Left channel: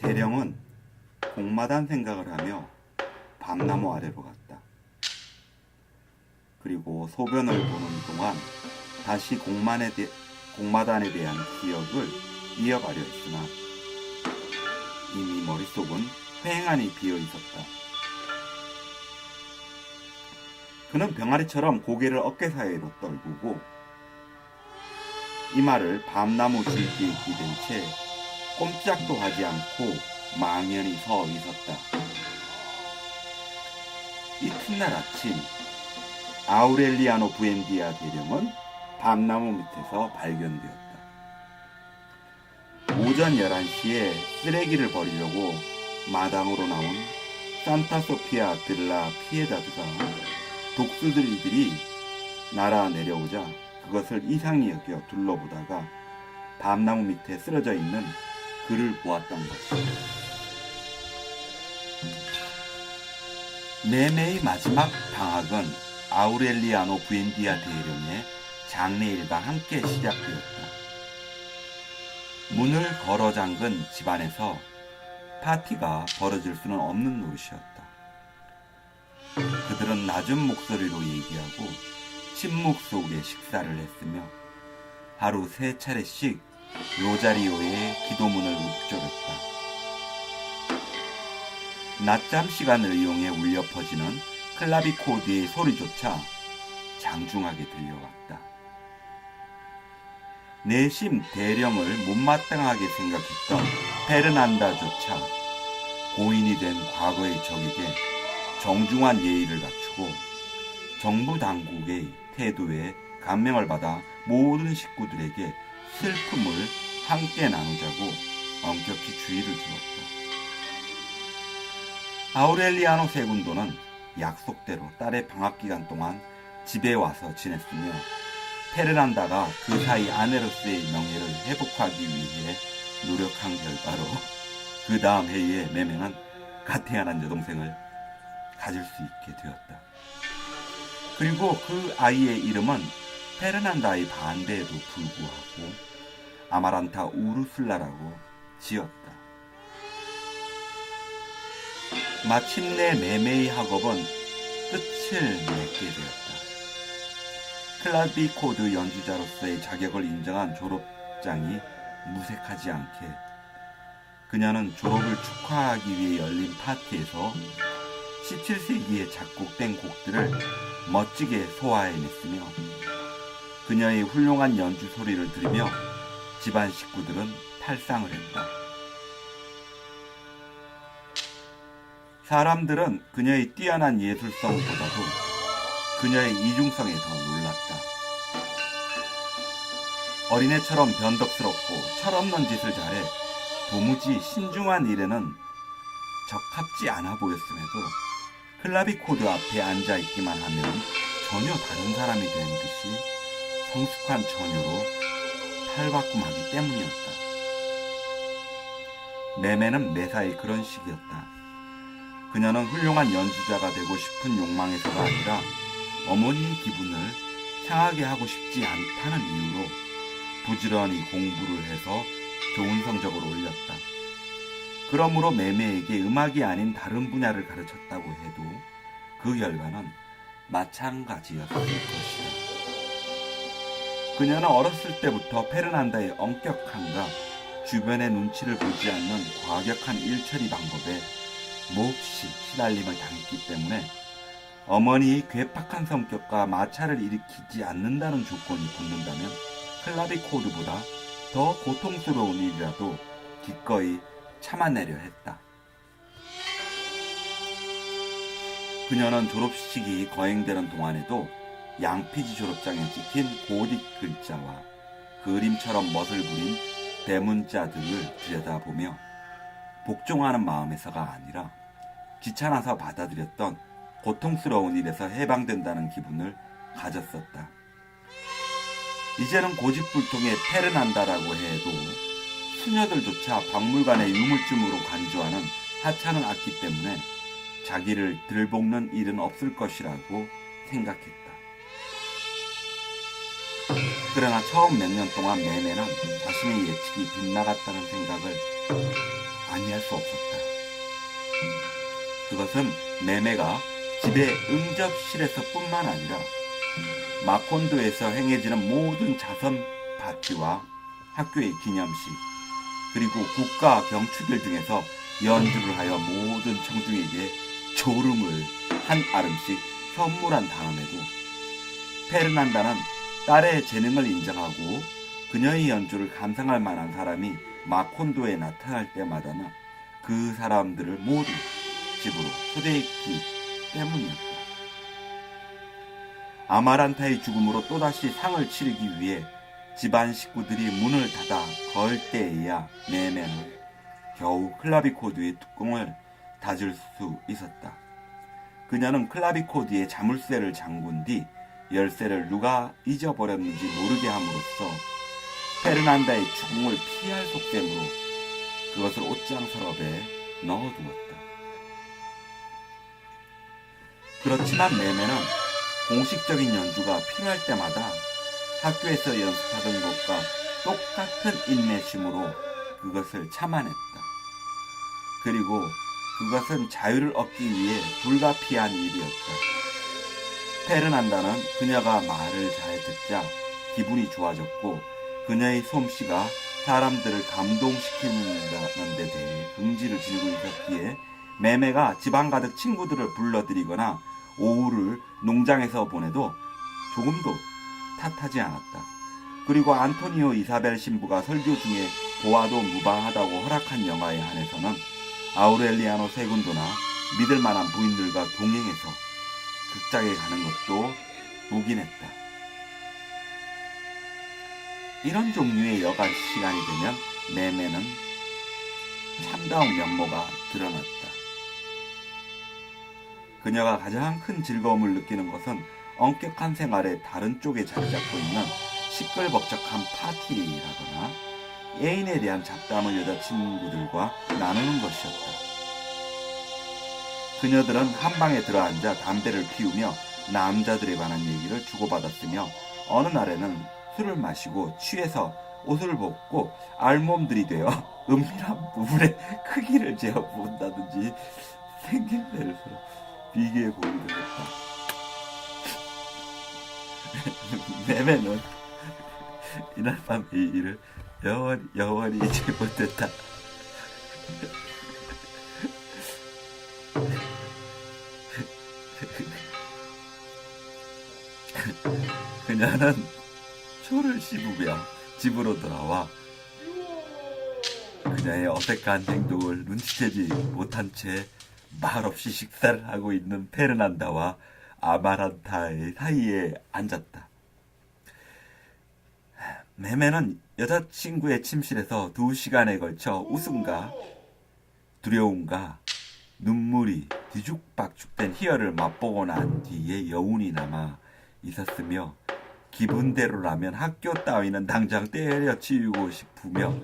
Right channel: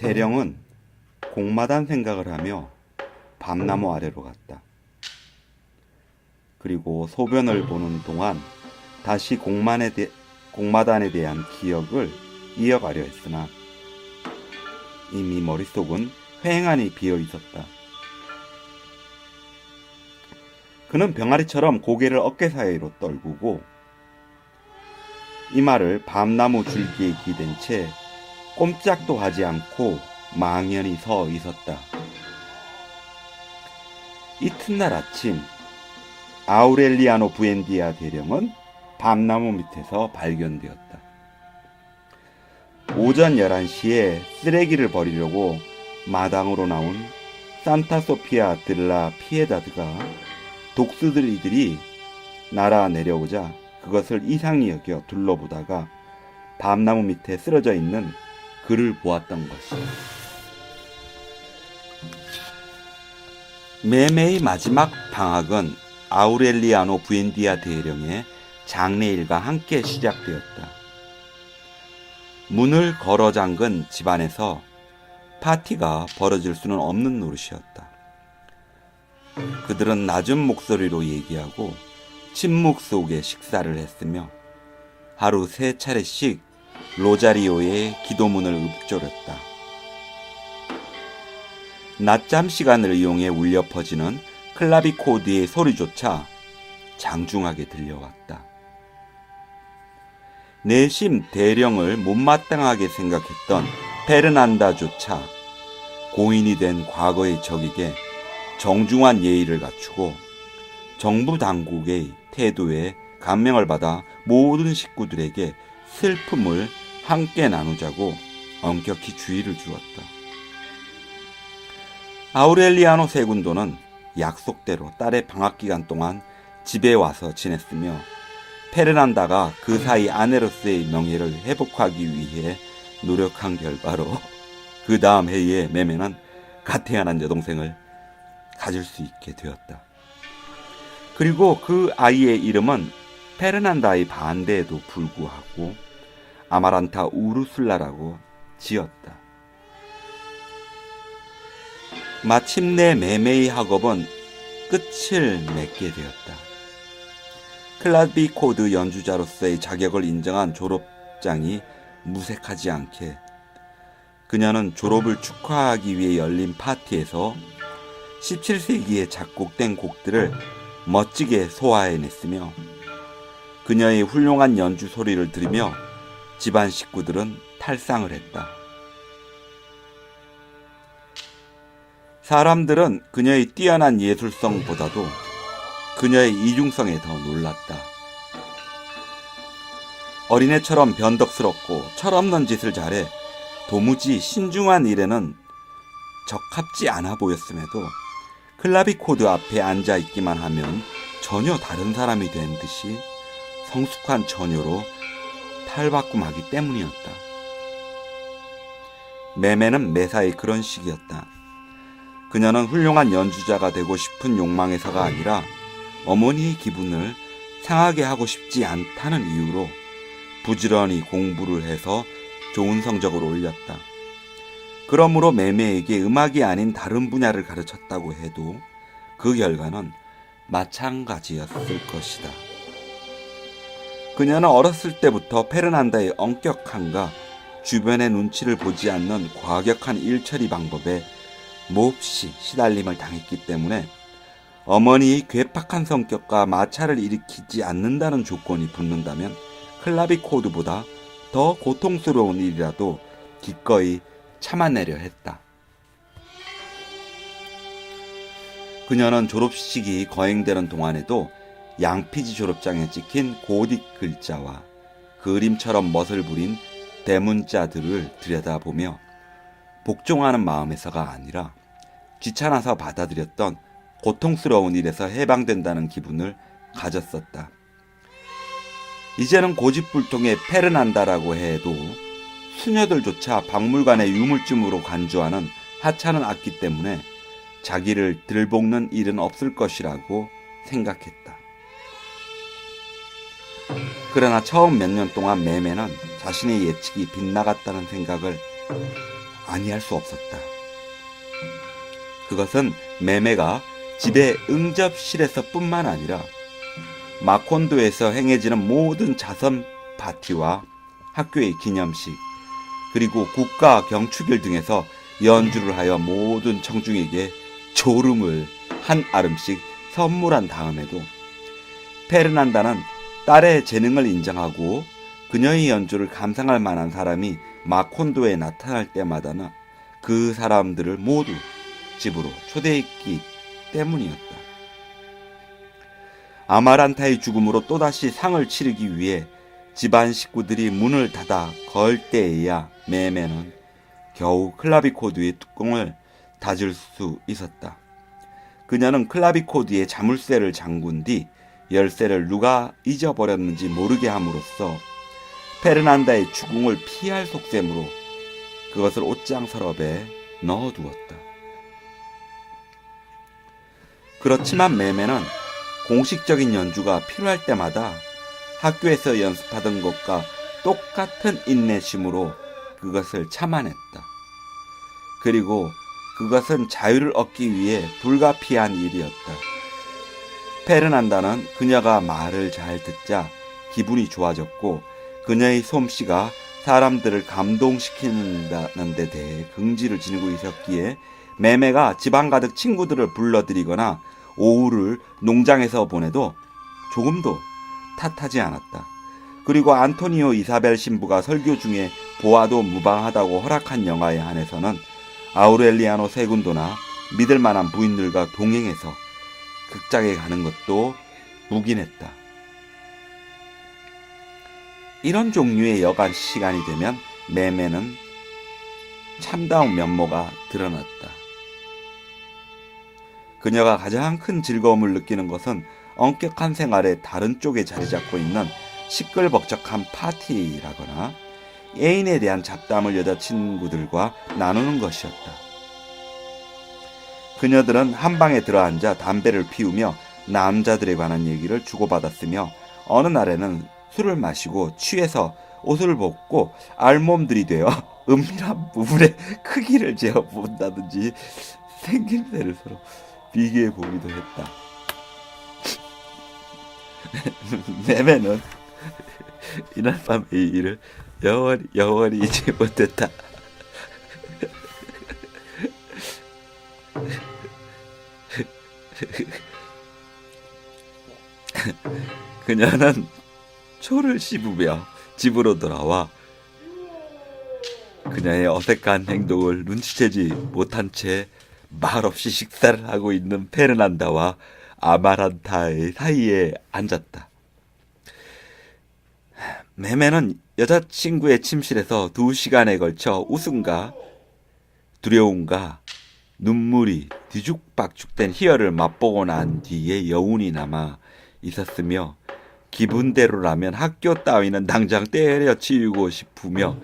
대령은 공마단 생각을 하며 밤나무 아래로 갔다. 그리고 소변을 보는 동안 다시 공만에 대, 공마단에 대한 기억을 이어가려 했으나 이미 머릿속은 휑하니 비어 있었다. 그는 병아리처럼 고개를 어깨 사이로 떨구고 이마를 밤나무 줄기에 기댄 채 꼼짝도 하지 않고 망연히 서 있었다. 이튿날 아침 아우렐리아노 부엔디아 대령은 밤나무 밑에서 발견되었다. 오전 11시에 쓰레기를 버리려고 마당으로 나온 산타 소피아 들라 피에다드가 독수들이들이 날아 내려오자 그것을 이상히 여겨 둘러보다가 밤나무 밑에 쓰러져 있는 그를 보았던 것이 매매의 마지막 방학은 아우렐리아노 부엔디아 대령의 장례일과 함께 시작되었다. 문을 걸어 잠근 집안에서 파티가 벌어질 수는 없는 노릇이었다. 그들은 낮은 목소리로 얘기하고 침묵 속에 식사를 했으며 하루 세 차례씩 로자리오의 기도문을 읊조렸다. 낮잠 시간을 이용해 울려 퍼지는 클라비코드의 소리조차 장중하게 들려왔다. 내심 대령을 못마땅하게 생각했던 페르난다조차 고인이 된 과거의 적에게 정중한 예의를 갖추고 정부 당국의 태도에 감명을 받아 모든 식구들에게 슬픔을 함께 나누자고 엄격히 주의를 주었다. 아우렐리아노 세군도는 약속대로 딸의 방학 기간 동안 집에 와서 지냈으며 페르난다가 그 사이 아내로서의 명예를 회복하기 위해 노력한 결과로 그 다음 해에 매매는 갓 태어난 여동생을 가질 수 있게 되었다. 그리고 그 아이의 이름은 페르난다의 반대에도 불구하고 아마란타 우르술라라고 지었다. 마침내 매매의 학업은 끝을 맺게 되었다. 클라비 코드 연주자로서의 자격을 인정한 졸업장이 무색하지 않게 그녀는 졸업을 축하하기 위해 열린 파티에서 17세기에 작곡된 곡들을 멋지게 소화해냈으며 그녀의 훌륭한 연주 소리를 들으며 집안 식구들은 탈상을 했다. 사람들은 그녀의 뛰어난 예술성보다도 그녀의 이중성에 더 놀랐다. 어린애처럼 변덕스럽고 철없는 짓을 잘해 도무지 신중한 일에는 적합지 않아 보였음에도 클라비코드 앞에 앉아 있기만 하면 전혀 다른 사람이 된 듯이 성숙한 처녀로 탈바꿈하기 때문이었다. 매매는 매사에 그런 식이었다. 그녀는 훌륭한 연주자가 되고 싶은 욕망에서가 아니라 어머니의 기분을 상하게 하고 싶지 않다는 이유로 부지런히 공부를 해서 좋은 성적을 올렸다. 그러므로 매매에게 음악이 아닌 다른 분야를 가르쳤다고 해도 그 결과는 마찬가지였을 것이다. 그녀는 어렸을 때부터 페르난다의 엄격함과 주변의 눈치를 보지 않는 과격한 일처리 방법에 몹시 시달림을 당했기 때문에 어머니의 괴팍한 성격과 마찰을 일으키지 않는다는 조건이 붙는다면 클라비코드보다 더 고통스러운 일이라도 기꺼이 참아내려 했다. 그녀는 졸업식이 거행되는 동안에도 양피지 졸업장에 찍힌 고딕 글자와 그림처럼 멋을 부린 대문자들을 들여다보며 복종하는 마음에서가 아니라 귀찮아서 받아들였던 고통스러운 일에서 해방된다는 기분을 가졌었다. 이제는 고집불통의 페르난다라고 해도 수녀들조차 박물관의 유물쯤으로 간주하는 하찮은 악기 때문에 자기를 들볶는 일은 없을 것이라고 생각했다. 그러나 처음 몇 년 동안 매매는 자신의 예측이 빗나갔다는 생각을 아니할 수 없었다. 그것은 매매가 집의 응접실에서 뿐만 아니라 마콘도에서 행해지는 모든 자선 파티와 학교의 기념식 그리고 국가 경축일 등에서 연주를 하여 모든 청중에게 졸음을 한 아름씩 선물한 다음에도 페르난다는 딸의 재능을 인정하고 그녀의 연주를 감상할 만한 사람이 마콘도에 나타날 때마다는 그 사람들을 모두 집으로 초대했기 때문이었다. 아마란타의 죽음으로 또다시 상을 치르기 위해 집안 식구들이 문을 닫아 걸 때에야 매매는 겨우 클라비코드의 뚜껑을 닫을 수 있었다. 그녀는 클라비코드의 자물쇠를 잠근 뒤 열쇠를 누가 잊어버렸는지 모르게 함으로써 페르난다의 죽음을 피할 속셈으로 그것을 옷장 서랍에 넣어두었다. 그렇지만 매매는 공식적인 연주가 필요할 때마다 학교에서 연습하던 것과 똑같은 인내심으로 그것을 참아냈다. 그리고 그것은 자유를 얻기 위해 불가피한 일이었다. 페르난다는 그녀가 말을 잘 듣자 기분이 좋아졌고 그녀의 솜씨가 사람들을 감동시키는 데 대해 긍지를 지니고 있었기에 매매가 집안 가득 친구들을 불러들이거나 오후를 농장에서 보내도 조금도 탓하지 않았다. 그리고 안토니오 이사벨 신부가 설교 중에 보아도 무방하다고 허락한 영화에 한해서는 아우렐리아노 세군도나 믿을 만한 부인들과 동행해서 극장에 가는 것도 묵인했다. 이런 종류의 여간 시간이 되면 매매는 참다운 면모가 드러났다. 그녀가 가장 큰 즐거움을 느끼는 것은 엄격한 생활의 다른 쪽에 자리 잡고 있는 시끌벅적한 파티라거나 애인에 대한 잡담을 여자친구들과 나누는 것이었다. 그녀들은 한 방에 들어앉아 담배를 피우며 남자들에 관한 얘기를 주고받았으며 어느 날에는 술을 마시고 취해서 옷을 벗고 알몸들이 되어 은밀한 부분의 크기를 재어 본다든지 생김새를 서로 비교해 보기도 했다. 매매는 이날 밤의 일을 영원히 영원히 잊지 못했다. 그녀는 초를 씹으며 집으로 돌아와 그녀의 어색한 행동을 눈치채지 못한 채 말없이 식사를 하고 있는 페르난다와 아마란타의 사이에 앉았다. 매매는 여자친구의 침실에서 두 시간에 걸쳐 웃음과 두려움과 눈물이 뒤죽박죽된 희열을 맛보고 난 뒤에 여운이 남아 있었으며 기분대로라면 학교 따위는 당장 때려치우고 싶으며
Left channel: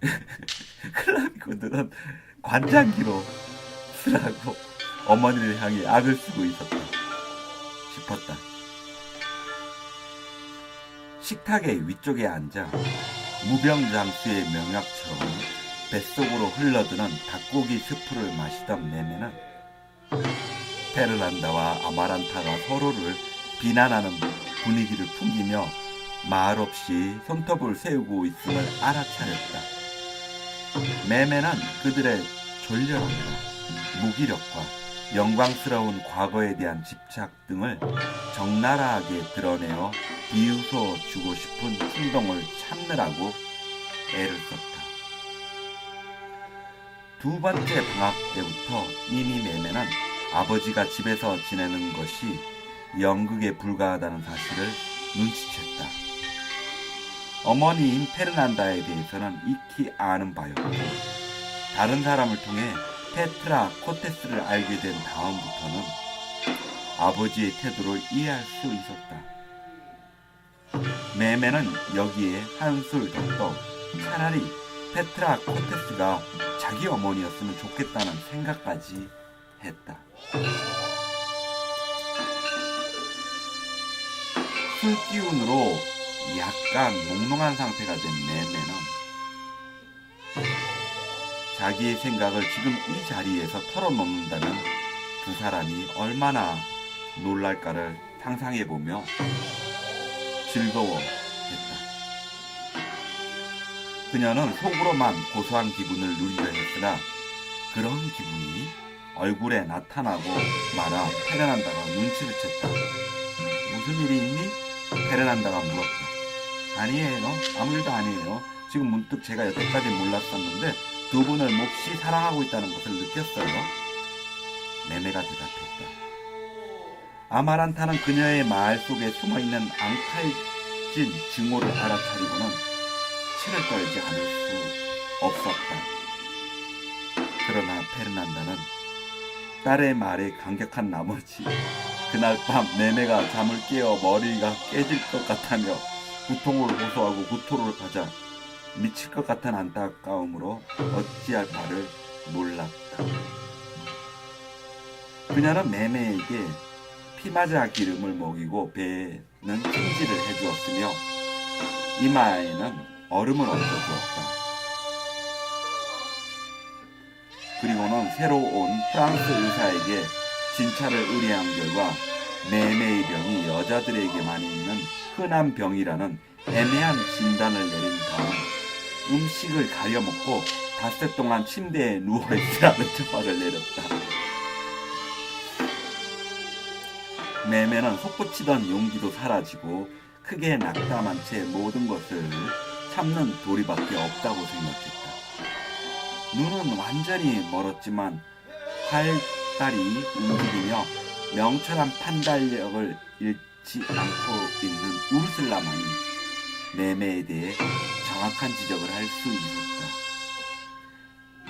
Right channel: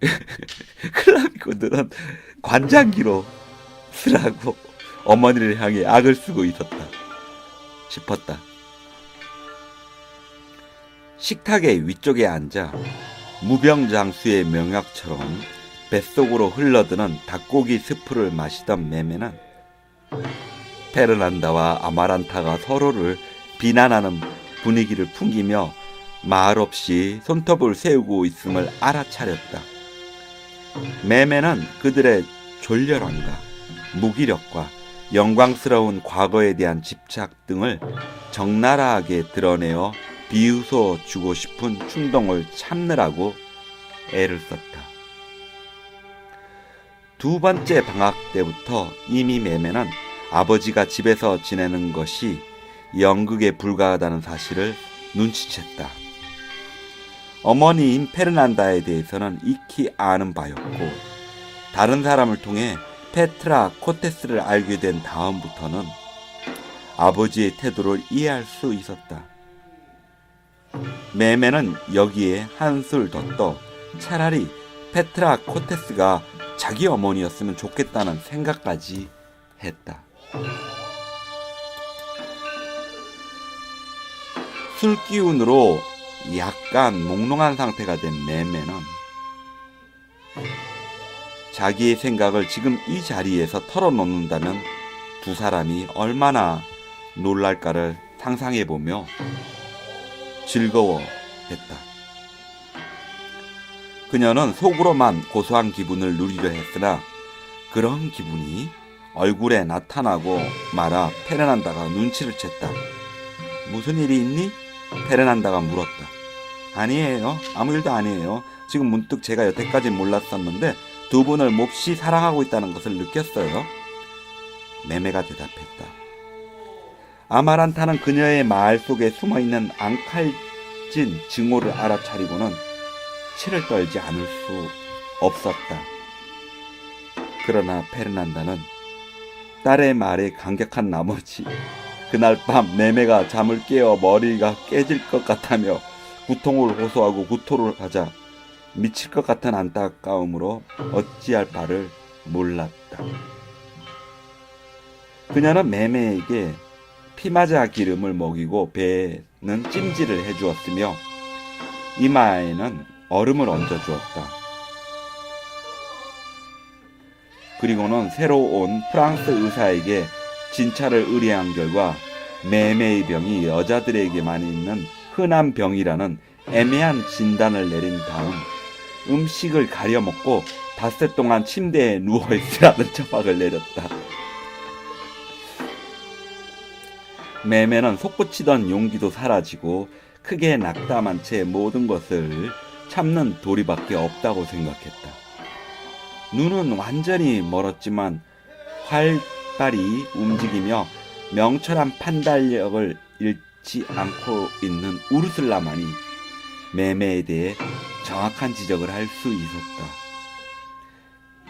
클라비코들은 관장기로 쓰라고 어머니를 향해 악을 쓰고 있었다 싶었다. 식탁의 위쪽에 앉아 무병장수의 명약처럼 뱃속으로 흘러드는 닭고기 스프를 마시던 매매는 페르난다와 아마란타가 서로를 비난하는 분위기를 풍기며 말없이 손톱을 세우고 있음을 알아차렸다. 매매는 그들의 졸렬함과 무기력과 영광스러운 과거에 대한 집착 등을 적나라하게 드러내어 비웃어 주고 싶은 충동을 참느라고 애를 썼다. 두 번째 방학 때부터 이미 매매는 아버지가 집에서 지내는 것이 연극에 불과하다는 사실을 눈치챘다. 어머니인 페르난다에 대해서는 익히 아는 바였고 다른 사람을 통해 페트라 코테스를 알게 된 다음부터는 아버지의 태도를 이해할 수 있었다. 매매는 여기에 한술 더 떠 차라리 페트라 코테스가 자기 어머니였으면 좋겠다는 생각까지 했다. 술 기운으로 약간 몽롱한 상태가 된 매매는 자기의 생각을 지금 이 자리에서 털어놓는다면 두 사람이 얼마나 놀랄까를 상상해 보며 즐거워했다. 그녀는 속으로만 고소한 기분을 누리려 했으나 그런 기분이 얼굴에 나타나고 말아 페르난다가 눈치를 챘다. 무슨 일이 있니? 페르난다가 물었다. 아니에요. 아무 일도 아니에요. 지금 문득 제가 여태까지 몰랐었는데 두 분을 몹시 사랑하고 있다는 것을 느꼈어요. 매매가 대답했다. 아마란타는 그녀의 말 속에 숨어 있는 앙칼진 증오를 알아차리고는 치를 떨지 않을 수 없었다. 그러나 페르난다는 딸의 말에 감격한 나머지 그날 밤 매매가 잠을 깨어 머리가 깨질 것 같다며 구통을 호소하고 구토를 하자 미칠 것 같은 안타까움으로 어찌할 바를 몰랐다. 그녀는 매매에게 피마자 기름을 먹이고 배에는 찜질을 해주었으며 이마에는 얼음을 얹어 주었다. 그리고는 새로 온 프랑스 의사에게 진찰을 의뢰한 결과 매매의 병이 여자들에게만 있는 흔한 병이라는 애매한 진단을 내린 다음 음식을 가려 먹고 닷새 동안 침대에 누워 있으라는 처박을 내렸다. 매매는 솟구치던 용기도 사라지고 크게 낙담한 채 모든 것을 참는 도리밖에 없다고 생각했다. 눈은 완전히 멀었지만 활발히 움직이며 명철한 판단력을 잃지 않고 있는 우르슬라만이 매매에 대해 정확한 지적을 할 수 있었다.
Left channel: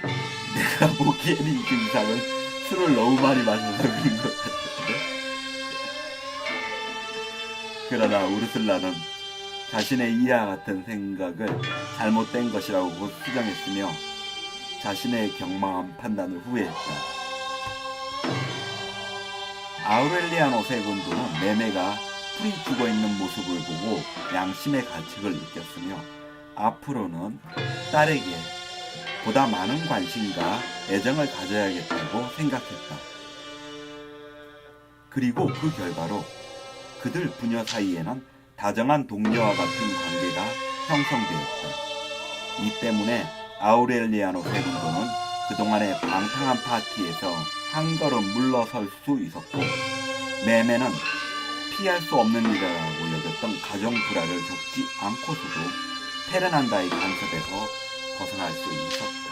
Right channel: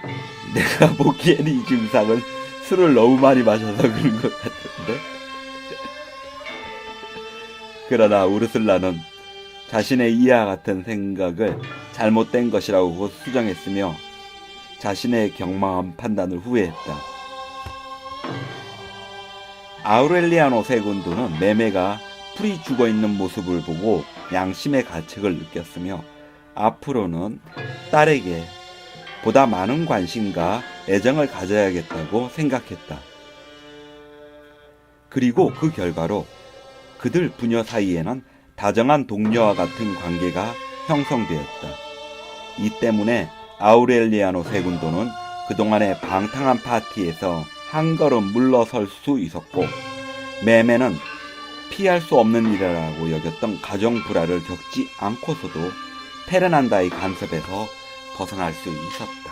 내가 보기에는 이 증상은 술을 너무 많이 마셔서 그런 것 같은데. 그러나 우르슬라는 자신의 이와 같은 생각을 잘못된 것이라고 곧 수정했으며 자신의 경망한 판단을 후회했다. 아우렐리아노 세군도는 매매가 풀이 죽어 있는 모습을 보고 양심의 가책을 느꼈으며 앞으로는 딸에게 보다 많은 관심과 애정을 가져야겠다고 생각했다. 그리고 그 결과로 그들 부녀 사이에는 다정한 동료와 같은 관계가 형성되었다. 이 때문에 아우렐리아노 세군도는 그동안의 방탕한 파티에서 한 걸음 물러설 수 있었고 매매는 피할 수 없는 일이라고 여겼던 가정 불화를 겪지 않고서도 페르난다의 간섭에서 벗어날 수 있었다.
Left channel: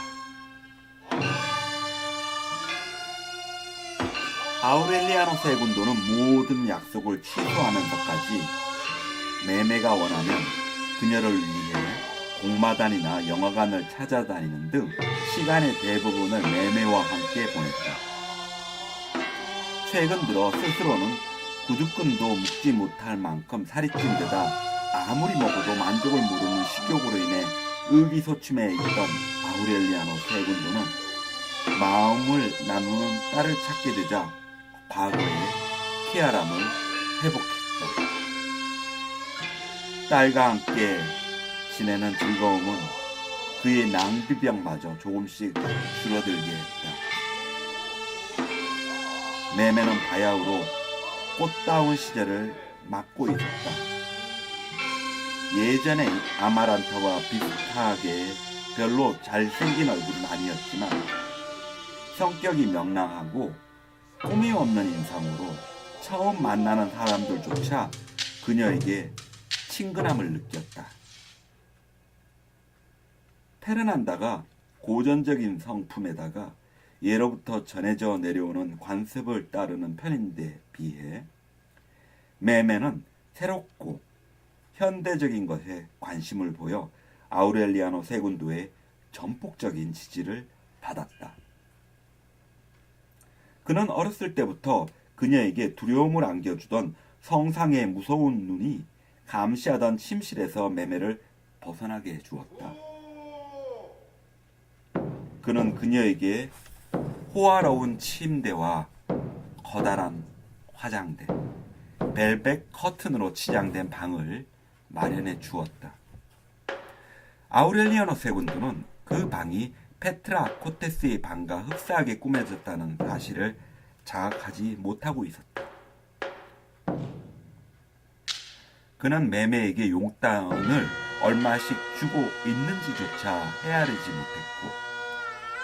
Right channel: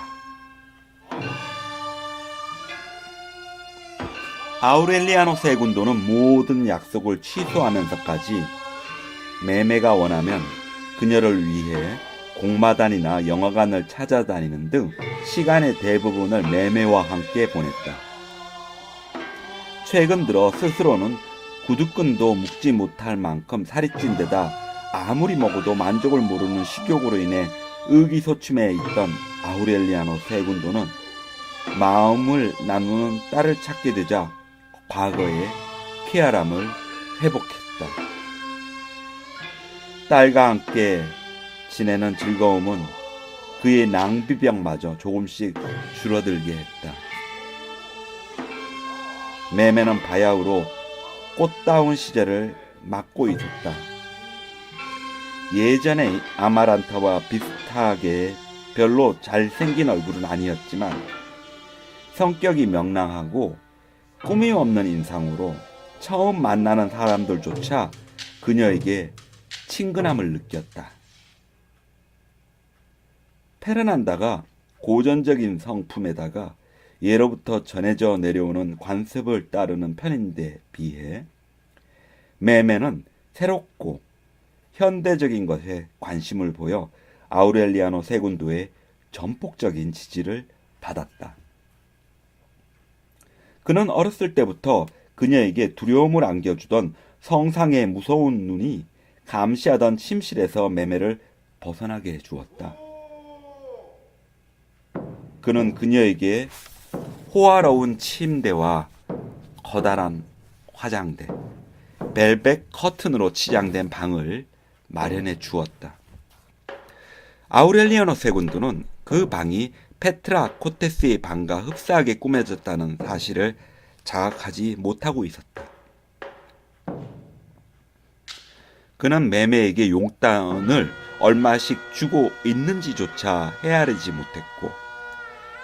아우렐리아노 세군도는 모든 약속을 취소하면서까지 매매가 원하면 그녀를 위해 공마단이나 영화관을 찾아다니는 등 시간의 대부분을 매매와 함께 보냈다. 최근 들어 스스로는 구두끈도 묶지 못할 만큼 살이 찐 데다 아무리 먹어도 만족을 모르는 식욕으로 인해 의기소침해 있던 아우렐리아노 세군도는 마음을 나누는 딸을 찾게 되자 과거의 쾌활함을 회복했다. 딸과 함께 지내는 즐거움은 그의 낭비병마저 조금씩 줄어들게 했다. 매매는 바야흐로 꽃다운 시절을 맞고 있었다. 예전의 아마란타와 비슷하게 별로 잘생긴 얼굴은 아니었지만 성격이 명랑하고 꾸밈 없는 인상으로 처음 만나는 사람들조차 그녀에게 친근함을 느꼈다. 페르난다가 고전적인 성품에다가 예로부터 전해져 내려오는 관습을 따르는 편인데 비해 매매는 새롭고 현대적인 것에 관심을 보여 아우렐리아노 세군도의 전폭적인 지지를 받았다. 그는 어렸을 때부터 그녀에게 두려움을 안겨주던 성상의 무서운 눈이 감시하던 침실에서 매매를 벗어나게 해주었다. 그는 그녀에게 호화로운 침대와 커다란 화장대, 벨벳 커튼으로 치장된 방을 마련해 주었다. 아우렐리아노 세군도는 그 방이 페트라 코테스의 방과 흡사하게 꾸며졌다는 사실을 자각하지 못하고 있었다. 그는 매매에게 용돈을 얼마씩 주고 있는지조차 헤아리지 못했고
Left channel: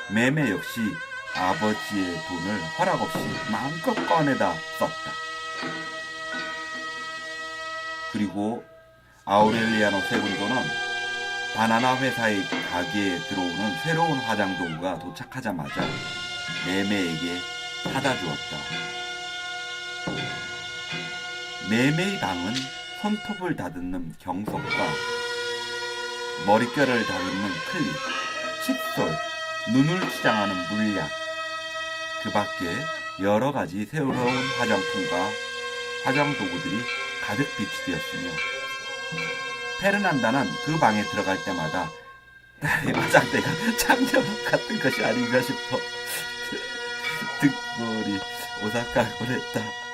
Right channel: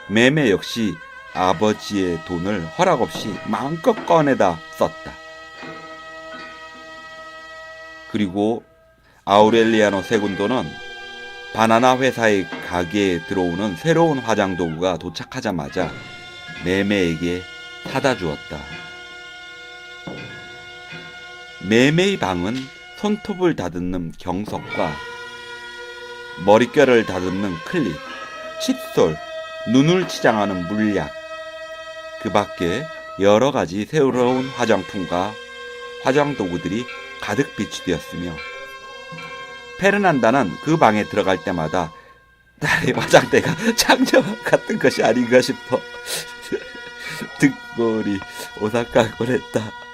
매매 역시 아버지의 돈을 허락 없이 마음껏 꺼내다 썼다. 그리고 아우렐리아노 세군도는 바나나 회사의 가게에 들어오는 새로운 화장 도구가 도착하자마자 매매에게 사다 주었다. 매매의 방은 손톱을 다듬는 경석과 머릿결을 다듬는 클립, 칫솔, 눈을 치장하는 물약, 그 밖에 여러 가지 새로운 화장품과 화장 도구들이 가득 비치되었으며 페르난다는 그 방에 들어갈 때마다 나의 화장대가 장녀 같은 것이 아닌가 싶어 등골이 오싹하곤했다.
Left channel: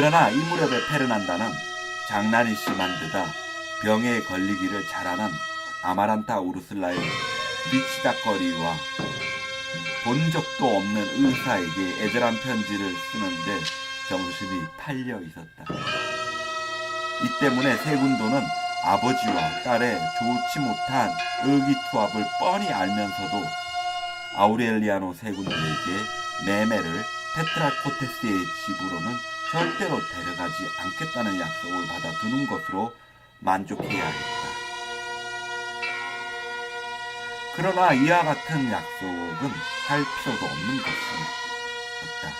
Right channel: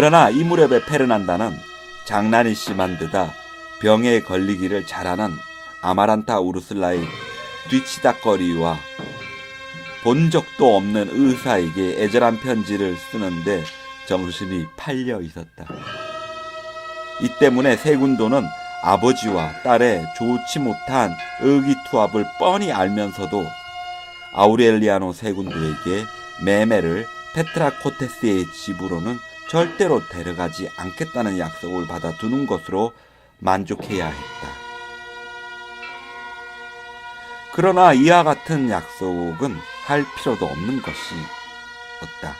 그러나 이 무렵에 페르난다는 장난이 심한 데다 병에 걸리기를 잘하는 아마란타 우르슬라의 뒤치닥거리와 본 적도 없는 의사에게 애절한 편지를 쓰는데 정신이 팔려 있었다. 이 때문에 세군도는 아버지와 딸의 좋지 못한 의기투합을 뻔히 알면서도 아우렐리아노 세군도에게 매매를 페트라코테스의 집으로는 절대로 데려가지 않겠다는 약속을 받아두는 것으로 만족해야 했다. 그러나 이와 같은 약속은 할 필요도 없는 것이었다.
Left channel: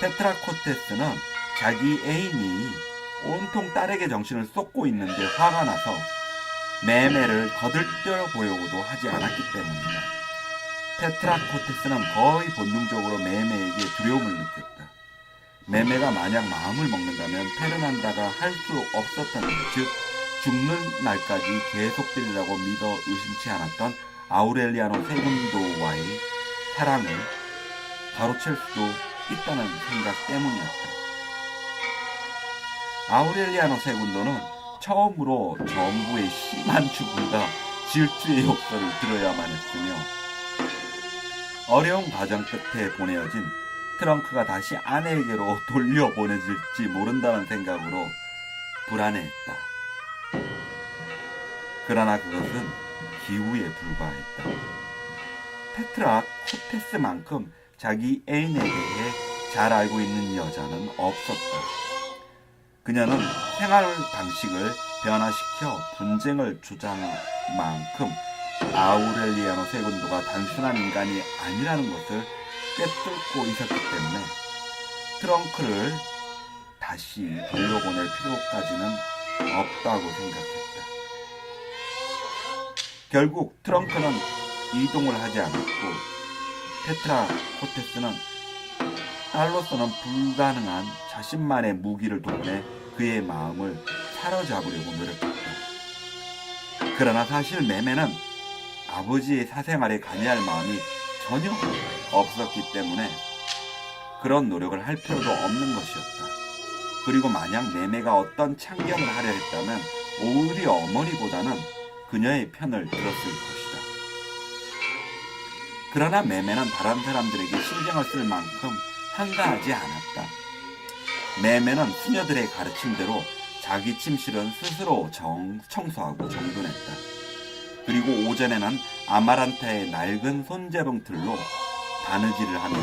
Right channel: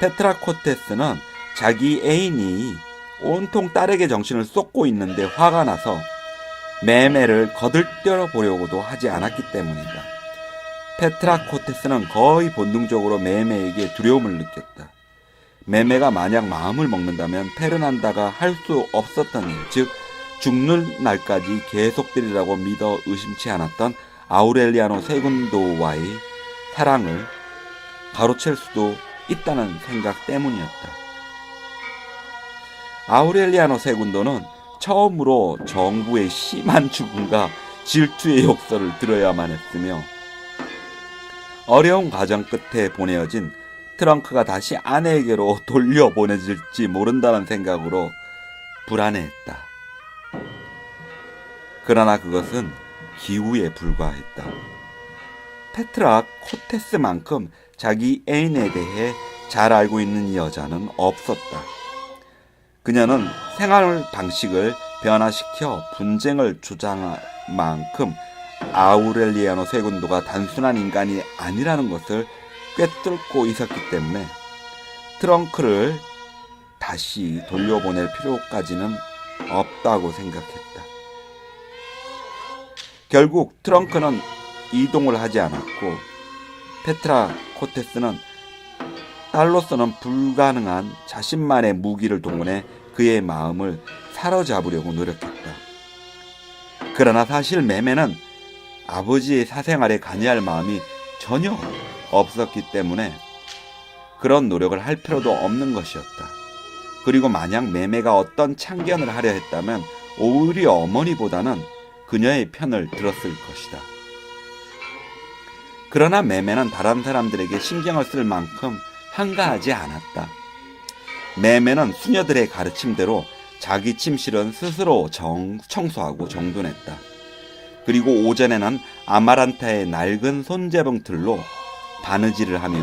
페트라코테스는 자기 애인이 온통 딸에게 정신을 쏟고 있는데 화가 나서 매매를 거들떠 보려고도 하지 않았기 때문이다. 페트라코테스는 거의 본능적으로 매매에게 두려움을 느꼈다. 매매가 만약 마음을 먹는다면 페르난다가 할 수 없었던 일, 즉 죽는 날까지 계속되리라고 믿어 의심치 않았던 아우렐리아노 세군도와의 사랑을 가로챌 수도 있다는 생각 때문이었다. 아우렐리아노 세군도는 처음으로 정부의 심한 죽음과 질투의 욕설을 들어야만 했으며 어려운 과정 끝에 보내어진 트렁크가 다시 아내에게로 돌려보내질지 모른다는 생각으로 불안해했다. 그러나 그것은 기우에 불과했다. 페트라 코테스만큼 자기 애인에 대해 잘 알고 있는 여자는 없었다. 그녀는 생활 방식을 변화시켜 분쟁을 조장할 만큼 아우렐리아노 세군도가 단순한 인간이 아니라는 것을 꿰뚫고 있었기 때문에 트렁크를 다시 돌려보낼 필요까지는 없다고 생각했다. 결국 트렁크는 이동을 하지 않았고 페트라 코테스는 딸로서는 불가능한 자신만의 무기를 동원해 그의 마음을 사로잡으려고 노력했다. 그러나 사실 매매는 아버지의 사생활에 관여할 마음이 전혀 없 었기 때문에 그런 노력을 할 필요도 없는 것이었다. 그리고 만약 매매가 어떤 참견을 하려 했다면 오히려 어머니보다는 그녀의 편을 들었을 것이다. 그러나 매매는 다른 사람들에게 신경을 쓸 만큼 한가하지 않았다. 매매는 수녀들의 가르침대로 자기 침실은 스스로 정, 청소하고 정돈했다. 그리고 오전에는 아마란타의 낡은 손재봉 틀로 바느질을 하며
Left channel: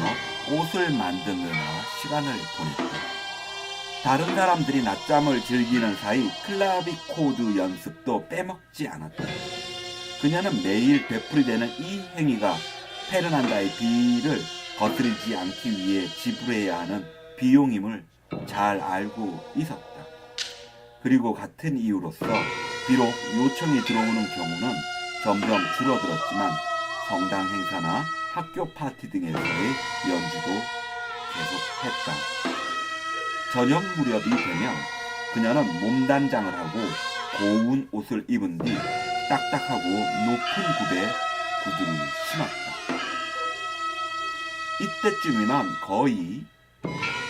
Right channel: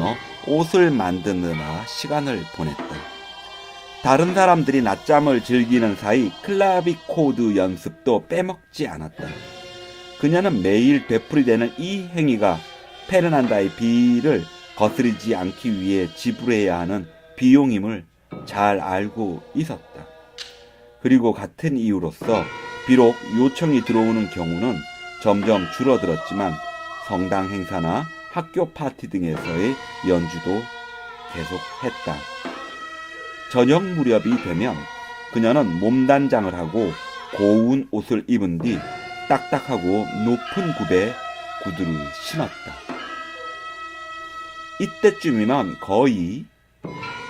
옷을 만드느라 시간을 보냈다. 다른 사람들이 낮잠을 즐기는 사이 클라비코드 연습도 빼먹지 않았다. 그녀는 매일 되풀이되는 이 행위가 페르난다의 비를 거스르지 않기 위해 지불해야 하는 비용임을 잘 알고 있었다. 그리고 같은 이유로서 비록 요청이 들어오는 경우는 점점 줄어들었지만 성당 행사나 학교 파티 등에서의 연주도 계속했다. 저녁 무렵이 되면 그녀는 몸단장을 하고 고운 옷을 입은 뒤 딱딱하고 높은 굽에 구두를 신었다. 이때쯤이면 거의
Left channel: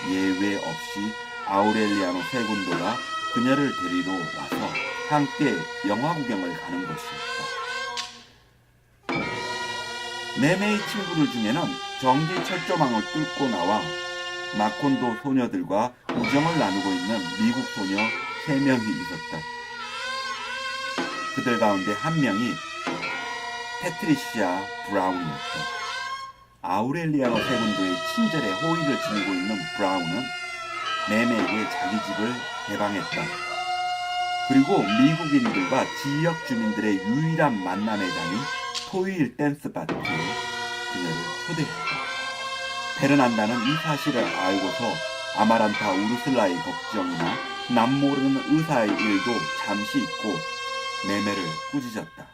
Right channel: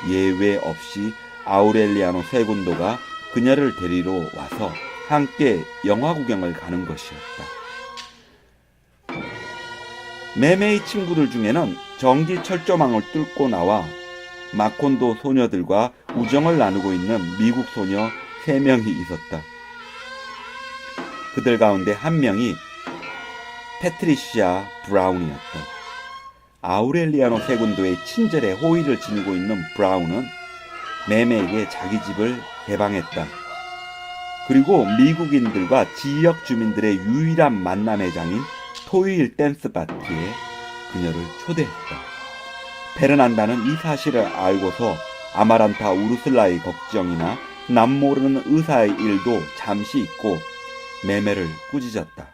예외 없이 아우렐리아노 세군도가 그녀를 데리러 와서 함께 영화 구경을 가는 것이었다. 매매의 친구들 중에는 전기 철조망을 뚫고 나와 마콘도 소녀들과 우정을 나누고 있는 미국 소녀 3명이 있었다. 그들 가운데 한 명이 패트리시아 브라운이었다. 아우렐리아노 세군도의 친절에 호의를 지니고 있는 브라운은 매매에게 자기 집을 개방했다. 그리고 미국인들과 지역 주민들의 유일한 만남의 장인 토요일 댄스 파티에 그녀를 초대했다. 페르난다는 이 사실을 알고서 아마란타 우르슬라의 걱정이나 남모르는 의사의 일도 잠시 잊고 매매를 꾸짖었다.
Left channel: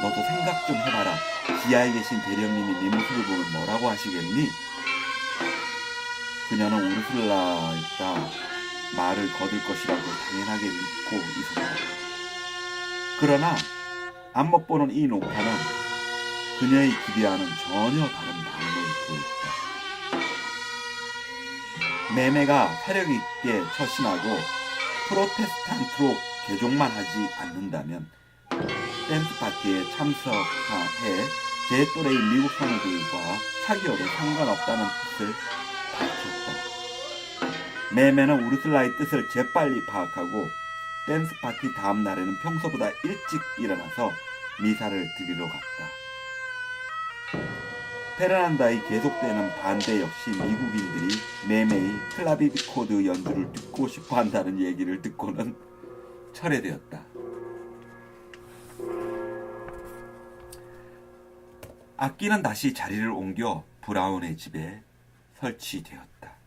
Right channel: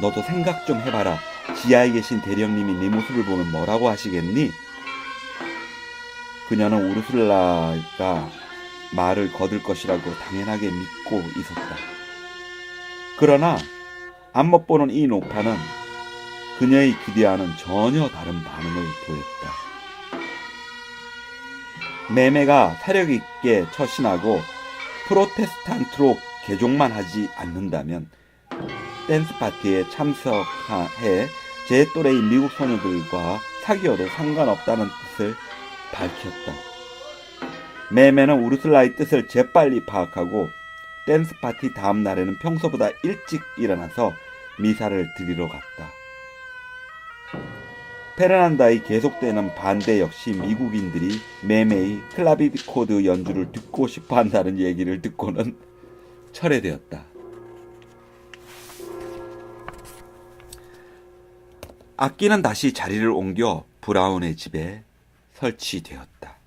너도 생각 좀 해봐라. 지하에 계신 대령님이 네 모습을 보면 뭐라고 하시겠니? 그녀는 우르슬라가 말을 거둘 것이라고 당연하게 믿고 있었다. 그러나 안못 보는 이 노파는 그녀의 기대와는 전혀 다른 반응을 보였다. 매매가 세력 있게 처신하고 프로테스탄트로 개종만 하지 않는다면 댄스 파티에 참석해 제 또래의 미국 소녀들과 사귀어도 상관없다는 뜻을 밝혔다. 매매는 우르슬라의 뜻을 재빨리 파악하고 댄스 파티 다음 날에는 평소보다 일찍 일어나서 미사를 드리러 갔다. 페르난다의 계속되는 반대 역시 미국인들이 매매의 클라비코드 연주를 듣고 싶어 한다는 얘기를 듣고는 철회되었다. 악기는 다시 자리를 옮겨 브라운의 집에 설치되었다.